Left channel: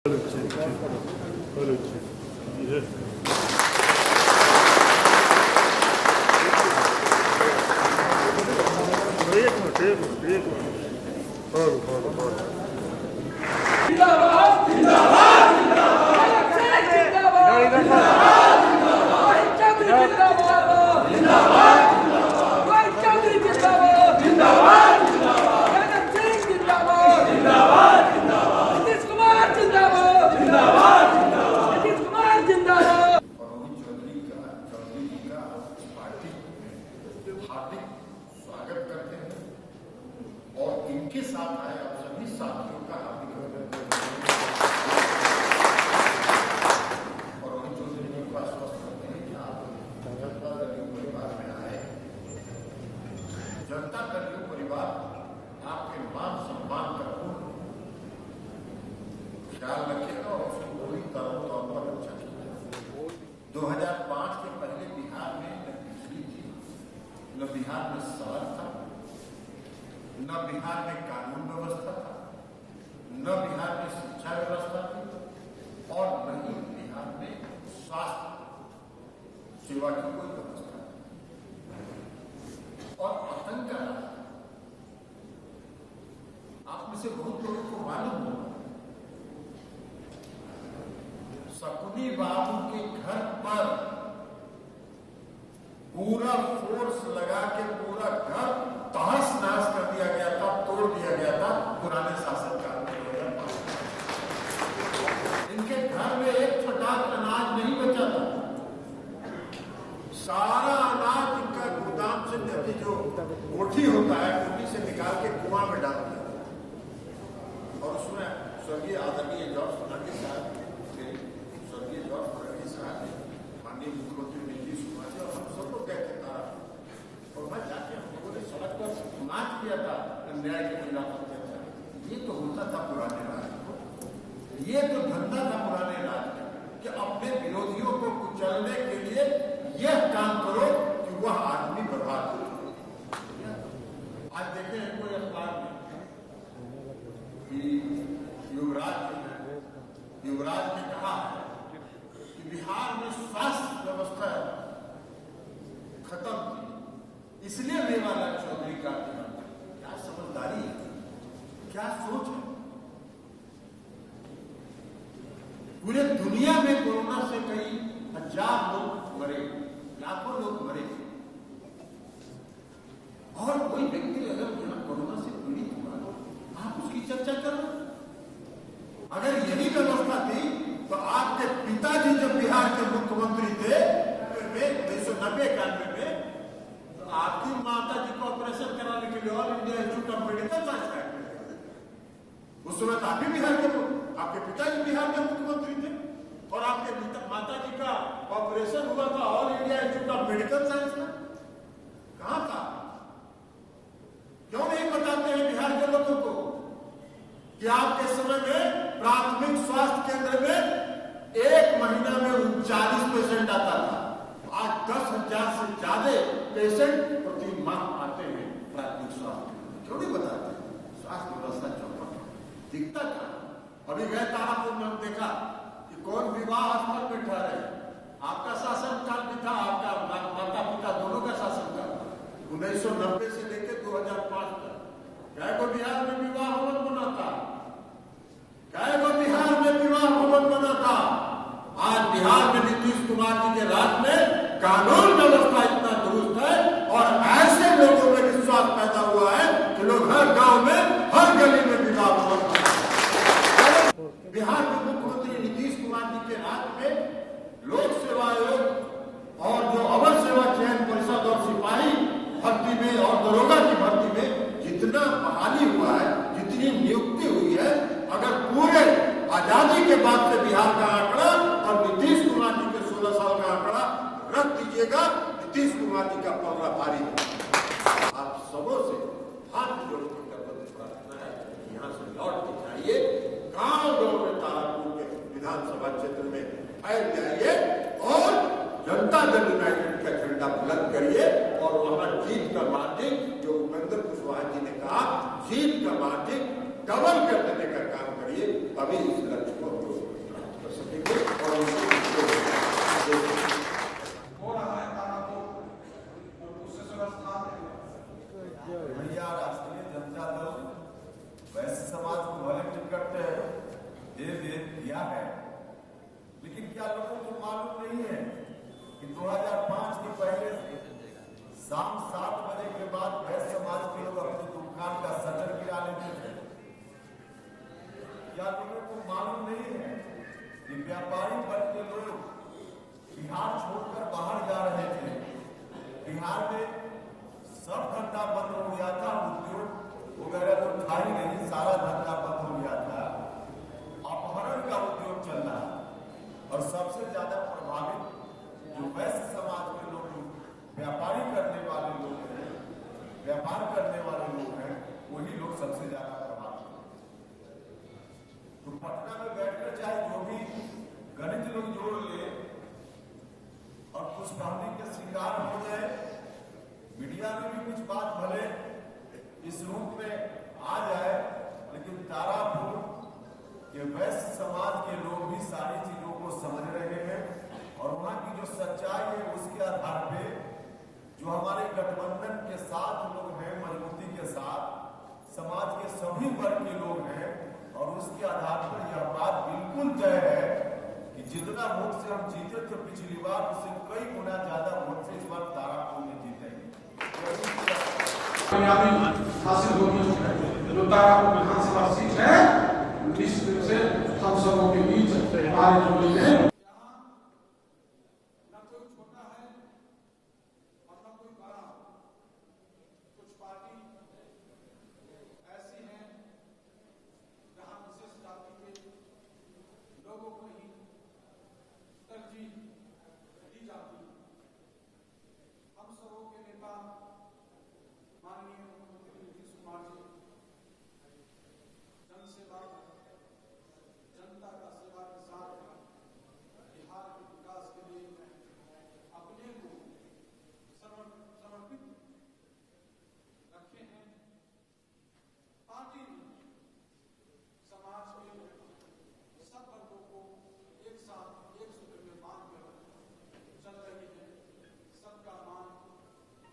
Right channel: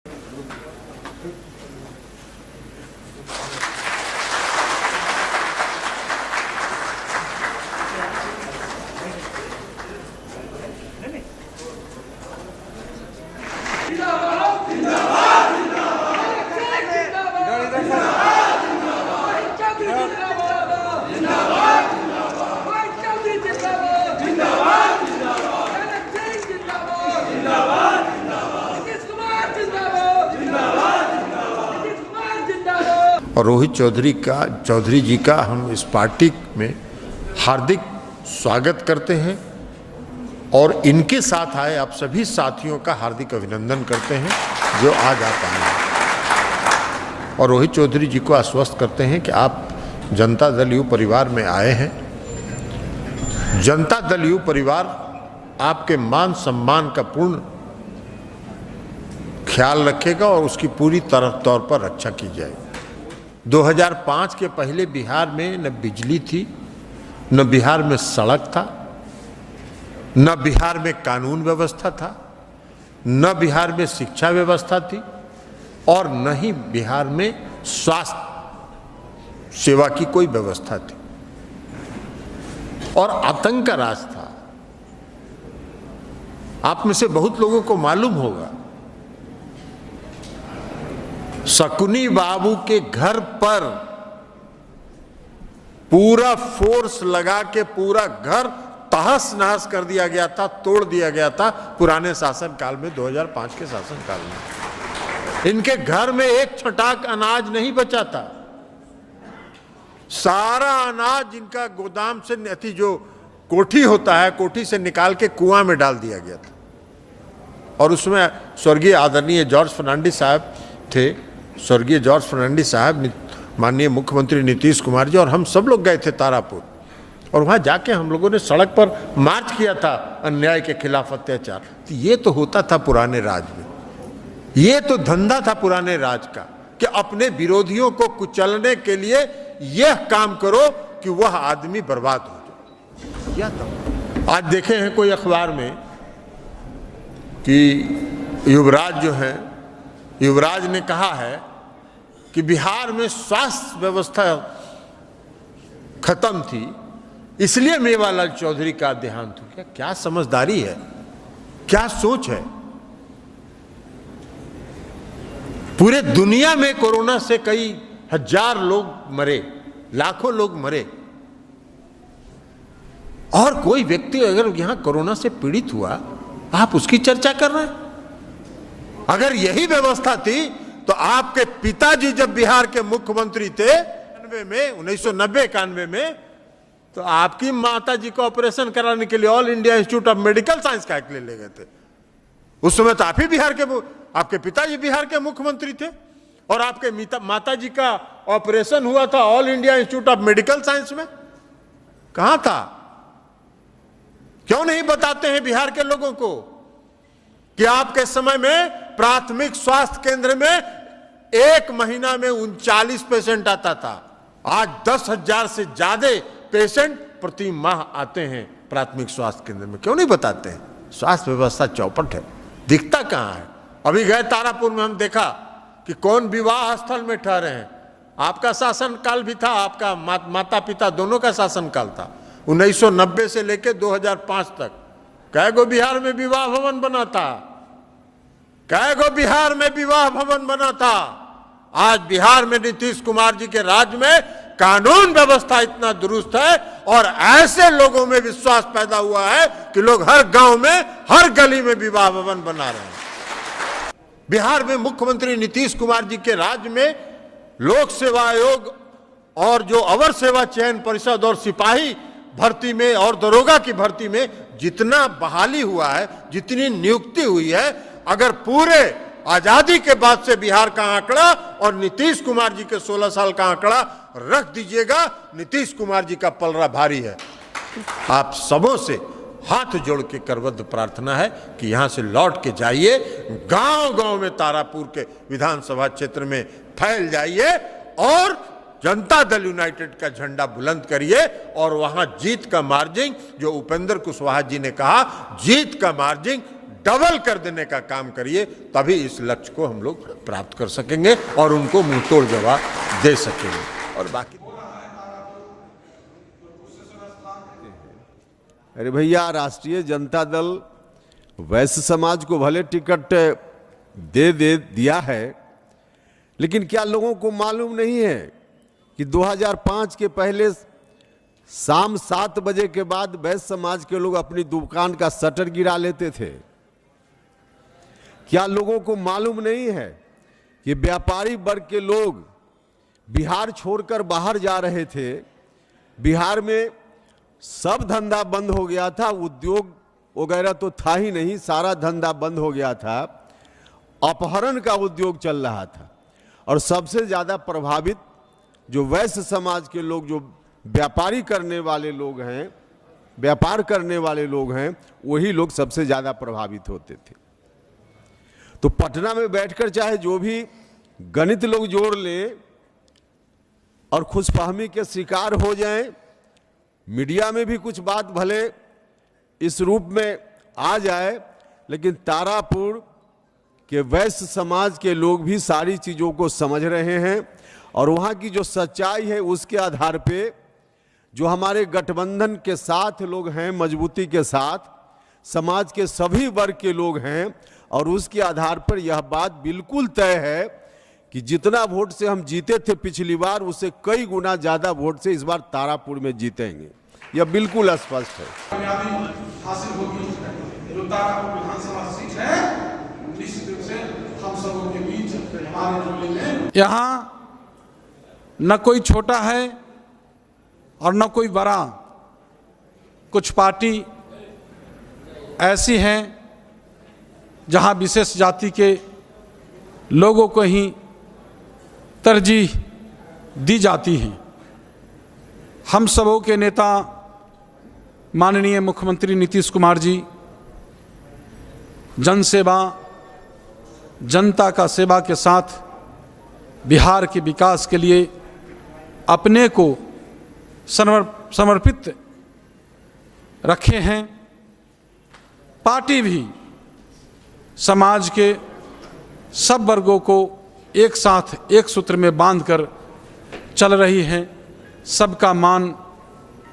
और रोहित चौधरी जी का हम इस पार्टी में हार्दिक स्वागत करते हैं और इनके साथ आए आप सभी साथियों का हार्दिक अभिनंदन करते हैं जो आज आप आए हैं। और रोहित चौधरी जी को आश्वस्त करते हैं कि आप जनता दल यू परिवार में आए हैं। जनता दल यू परिवार आपके मान सम्मान का पूर्ण ख्याल रखेगा और उसकी पूरी तौर पर रक्षा की जाएगी। 2005 के पहले बिहार में न बिजली थी, न बिहार में सड़क था, न बिहार में कानून व्यवस्था था, न बिहार में शिक्षा व्यवस्था थी और न ही बिहार में स्वास्थ्य सेवा की कोई व्यवस्था थी और आतंक का राज था। आप में से बहुत लोगों को मालूम होगा, शकुनी बाबू के घर पर पूरा फोर्स लगा के पूरा घर तहस नहस कर दिया गया था, तोड़ दिया गया था पुराने शासन काल में, 2005 के शासन काल में। इनके घर में एक छटाक अनाज नहीं बचा था। सारा अनाज इनका गोदाम से जो कोठी होता है, कोठी से निकाल के कुआं में डाल दिया गया था। और उसमें स्वर्गीय आदरणीय जॉर्ज फर्नांडिस साहब थे, स्वर्गीय जॉर्ज फर्नांडिस साहब, माननीय मुख्यमंत्री नीतीश कुमार जी और हम सब लोग गए थे तारापुर और वहाँ जाके हम लोगों ने सड़क पर मार्च किया था अन्याय के खिलाफ, अत्याचार। तो ये तो होता था पुराने राज में, ये तो धंधा था पुराने राज का कि अपने विरोधियों को कुचलने के लिए यह काम करो कि वह आदमी बर्बाद हो जाए। आज देखे हैं कोई अखबार में कि युवराज जो है, युवराज ने कहा है कि बिहार में स्वास्थ्य व्यवस्था खत्म थी इसलिए मेवालाल चौधरी का देहांत हो गया। क्या समझदारी है, क्या सोच है। पूरे दुनिया में कोरोना से कई हजार लोग मरे, लाखों लोग मरे और कोई व्यक्ति अगर यहां कोरोना से पीड़ित हुआ, आप उसकी चर्चा कर रहे हैं। अगर यही व्यवस्था थी तो आपके पिताजी जब बिहार के मुख्यमंत्री थे 1990-91 में, तो आपकी माताजी को ऑपरेशन कराने के लिए all India institute of medical science का ले गए थे। उस समय तो आप ही आपके पिताजी बिहार के मुख्यमंत्री थे और आपके माताजी का ऑपरेशन हुआ था all India institute of medical science में। कहां था? क्यों नहीं बताते हैं बिहार के लोगों को कि आपके समय में प्राथमिक स्वास्थ्य केंद्र में एक महीना में 39 पेशेंट आता था। आज 10,000 से ज्यादा पेशेंट प्रति माह आते हैं प्राथमिक स्वास्थ्य केंद्र में। क्यों नहीं बताते हैं? स्वास्थ्य व्यवस्था चौपट है, दिखता कहां है। अभी गए तारापुर में, हम देखा कि कौन विवाह स्थल में ठहरे हैं। आपका शासन काल भी था, आपका माता पिता दोनों का शासन काल था। 1990 से लेकर 2005 तक कै गो बिहार में विवाह भवन बना था, कै गो बिहार में विवाह भवन बना था। आज बिहार में नीतीश कुमार जी के राज में कानून व्यवस्था इतना दुरुस्त है और ऐसे लोगों में विश्वास पैदा हुआ है कि लोग हर गांव में, हर गली में विवाह भवन बना रहे। बिहार में मुख्यमंत्री नीतीश कुमार जी के राज में लोक सेवा आयोग और जो अवर सेवा चयन परिषद और सिपाही भर्ती में और दरोगा की भर्ती में जितना बहाली हुआ है, जितनी नियुक्ति हुई है, अगर पूरे आजादी के बाद से बिहार का आंकड़ा और नीतीश कुमार जी के 16 साल का आंकड़ा रख दीजिएगा, नीतीश कुमार जी का पलड़ा भारी है। आप सबों से हाथ जोड़ के करबद्ध प्रार्थना है कि यहां से लौट के जाइए, गांव-गांव में तारापुर के विधानसभा क्षेत्र में फैल जाइए और जनता दल यूनाइटेड का झंडा बुलंद करिए और वहां जीत का मार्जिन, जो उपेंद्र कुशवाहा जी ने कहा, जीत का मार्जिन डबल कर देने का काम करिए, तभी इस लक्ष्य को हम लोग प्राप्त कर सकेंगे और उनको मुंहतोड़ जवाब दे सकेंगे। और बाकी अरे भैया, राष्ट्रीय जनता दल वैश्य समाज को भले टिकट दे दिया है, लेकिन क्या लोगों को मालूम नहीं है कि 2005 के पहले शाम 7 बजे के बाद वैश्य समाज के लोग अपनी दुकान का शटर गिरा लेते थे? क्या लोगों को मालूम नहीं है कि व्यापारी वर्ग के लोग बिहार छोड़कर बाहर जा रहे थे? बिहार में सब धंधा बंद हो गया था, उद्योग वगैरह तो था ही नहीं, सारा धंधा बंद हो गया था, अपहरण का उद्योग चल रहा था। और सबसे ज्यादा प्रभावित जो वैश्य समाज के लोग, जो व्यापारी करने वाले लोग हैं, व्यापार करने वाले लोग हैं, वही लोग सबसे ज्यादा प्रभावित होते थे। तो पटना में बैठकर चाहे जो भी गणित लोग जोड़ ले और खुशफहमी के शिकार हो जाएं, मीडिया में भी कुछ बात भले इस रूप में आ जाए, लेकिन तारापुर के वैश्य समाज के लोग भी सारी चीजों को समझ रहे हैं और वहां की जो सच्चाई है उसके आधार पे जो हमारे गठबंधन के साथ लोग हैं, मजबूती के साथ समाज के सभी वर्ग के लोग हैं, और उसके आधार पर यह बात बिल्कुल तय है कि जितना वोट से हम जीते थे पिछली बार, उससे कई गुना ज्यादा वोट से इस बार तारापुर में जीतेंगे। यह बिल्कुल स्पष्ट है। यहाँ न कोई छोटा है और न कोई बड़ा। कुछ पार्टी ऐसी हैं जहाँ विशेष जाति के लोगों को ही तरजीह दी जाती है। हम सबों के नेता माननीय मुख्यमंत्री नीतीश कुमार जी जनसेवा, जनता का सेवा के साथ बिहार के विकास के लिए अपने को समर्पित रखे हैं। पार्टी भी समाज के सब वर्गों को एक साथ एक सूत्र में बांधकर चल रही है। सबका मान,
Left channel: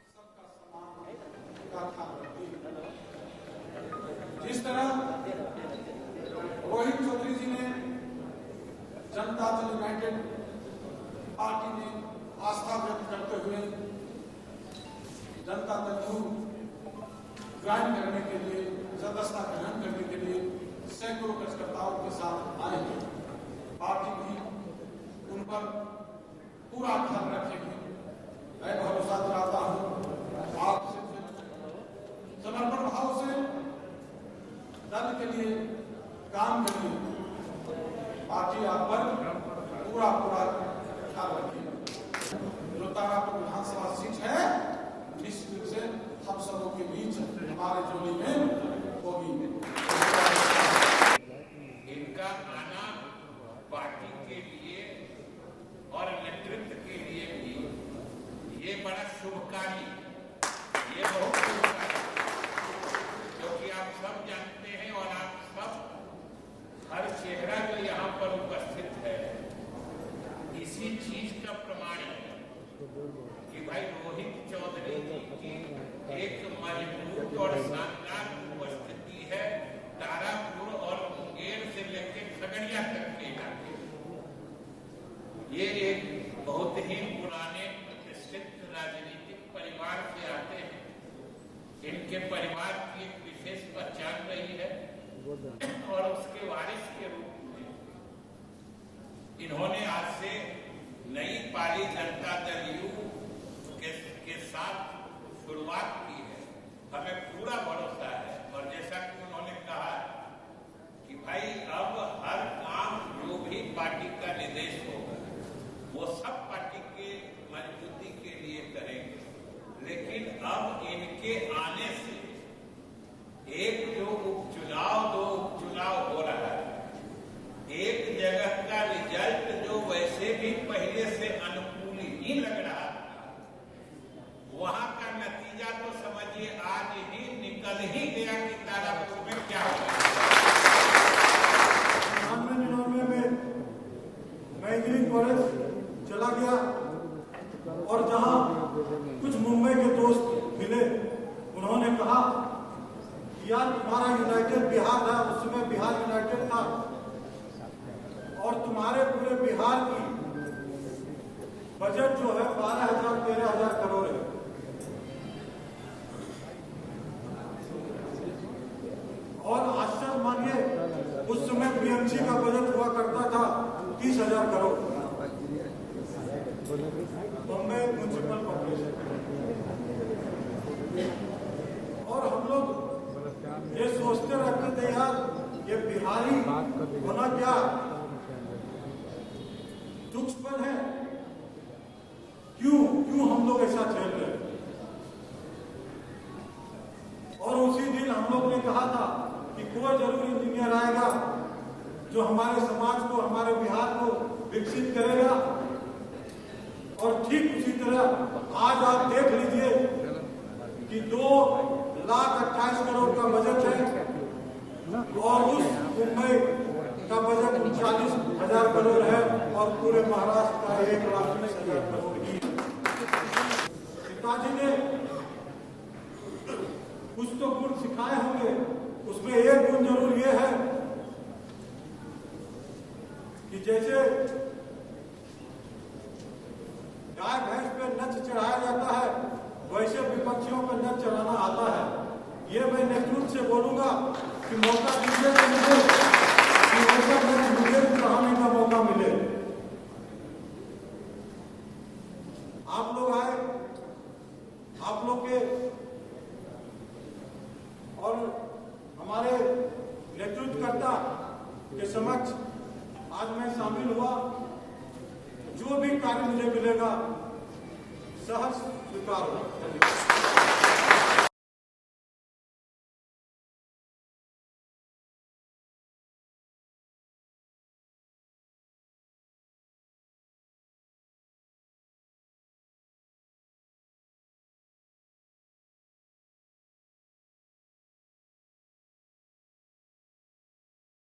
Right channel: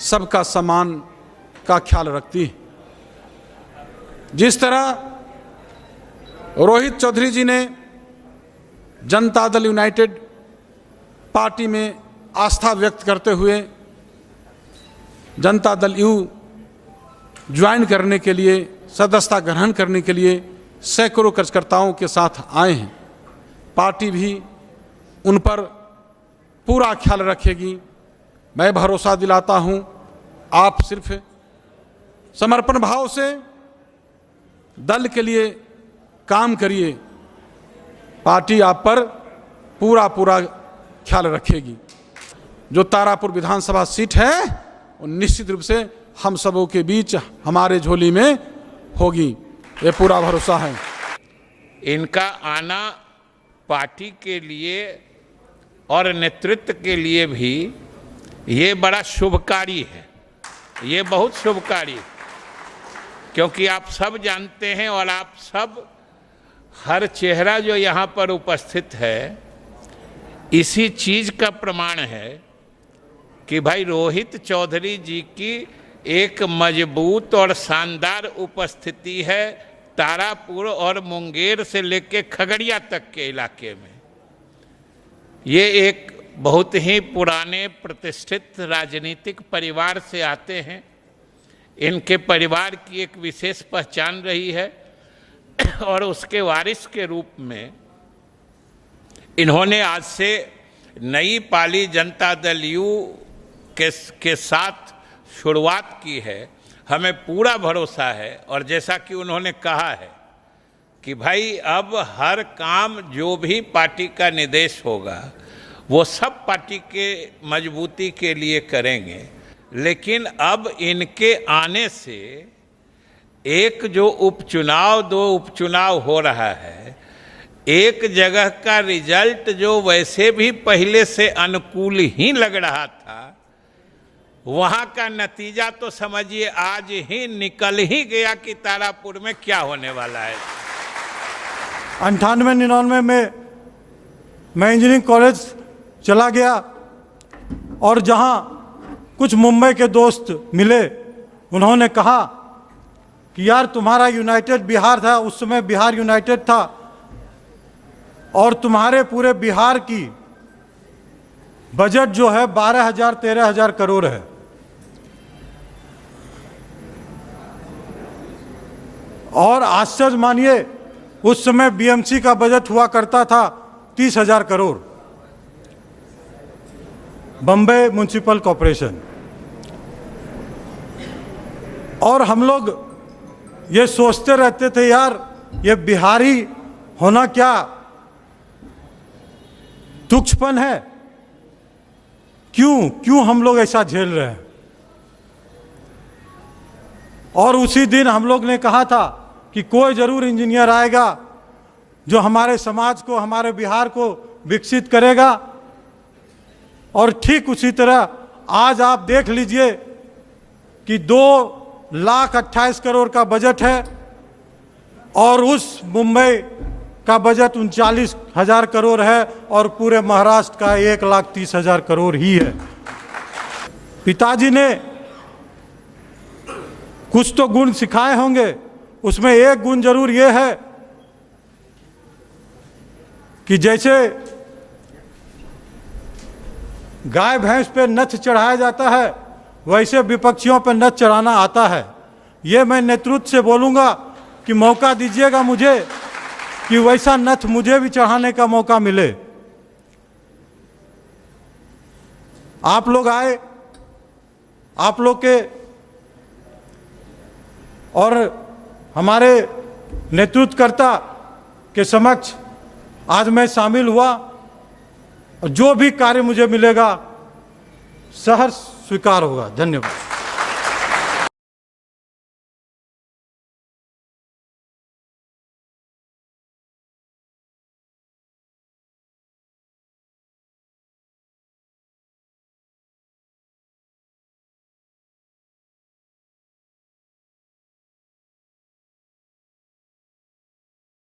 सबका सम्मान का ख्याल रखती है। जिस तरह रोहित चौधरी जी ने जनता दल यूनाइटेड पार्टी में आस्था व्यक्त करते हुए जनता दल यू ज्वाइन करने के लिए, सदस्यता ग्रहण करने के लिए सैकड़ों कार्यकर्ताओं के साथ आए हैं। पार्टी भी उन पर पूरा ख्याल रखेगी। मैं भरोसा दिलाता हूं, आप सिर्फ समर्पण भाव से दल के लिए काम करिए, पार्टी आप पर पूरा ख्याल रखेगी। जो तारापुर विधानसभा सीट है वो निश्चित रूप से हम सबों के बीच हमारे झोली में होगी, ये पूरा भरोसा है। इनका आना पार्टी के लिए और नेतृत्व के लिए भी ये बड़ा शुभकारी है, ये बहुत शुभकारी, क्योंकि आप सब जानते हैं और आप सब, हर चेहरा जो यहाँ पर उपस्थित है इसी चीज का प्रमाण है कि भाई रोहित चौधरी जी की एक मजबूत और शानदार उपस्थिति है तारापुर और मुंगेर से लेकर खगड़िया तक के इलाके में। ये एक बहुत ही पुराने प्रतिष्ठित राजनीतिक परिवार से आते हैं। इनके परिवार की एक विशेष पहचान रही है और उसके वारिस के रूप में इन्होंने आज से नई पाली जनता दल यू के साथ शुरुआत की है। हमें पूरा भरोसा है और जैसा कि उन्होंने कहा है कि भाई अब हर काम जो भी पार्टी का निर्देश होगा वो सब पार्टी के मजबूती के लिए करेंगे, लेकिन अब इनके आने से एक जो उपचुनाव, 2 उपचुनाव हो रहा है, एक जगह का रिजल्ट जो वैसे भी पहले से अनुकूल ही लग रहा था, वहां का नतीजा तो समझिए आज ही निकल ही गया कि तारापुर में क्या होने वाला है। 98-99 में मैं इंजीनियरिंग कॉलेज चला गया और जहां कुछ मुंबई के दोस्त मिले, उन्होंने कहा कि यार तुम्हारा यूनाइटेड बिहार था, उस समय बिहार यूनाइटेड था, और तुम्हारे पूरे बिहार की बजट जो है 12,000-13,000 करोड़ है। और आश्चर्य मानिए, उस समय बीएमसी का बजट हुआ करता था 30,000 करोड़, बम्बई म्युनिसिपल कॉरपोरेशन। और हम लोग ये सोचते रहते थे यार ये बिहारी होना क्या तुच्छपन है, क्यों हम लोग ऐसा झेल रहे हैं। और उसी दिन हम लोग ने कहा था कि कोई जरूर इंजीनियर आएगा जो हमारे समाज को, हमारे बिहार को विकसित करेगा। और ठीक उसी तरह आज आप देख लीजिए कि 2,28,000 करोड़ का बजट है और उस मुंबई का बजट 39,000 करोड़ है और पूरे महाराष्ट्र का 1,30,000 करोड़ ही है। पिताजी ने कुछ तो गुण सिखाए होंगे, उसमें एक गुण जरूर ये है कि जैसे गाय भैंस पे नथ चढ़ाया जाता है, वैसे विपक्षियों पर नथ चढ़ाना आता है। ये मैं नेतृत्व से बोलूंगा कि मौका दीजिएगा मुझे कि वैसा नथ मुझे भी चढ़ाने का मौका मिले। आप लोग आए, आप लोग के और हमारे नेतृत्वकर्ता के समक्ष आज मैं शामिल हुआ, और जो भी कार्य मुझे मिलेगा सहर्ष स्वीकार होगा। धन्यवाद।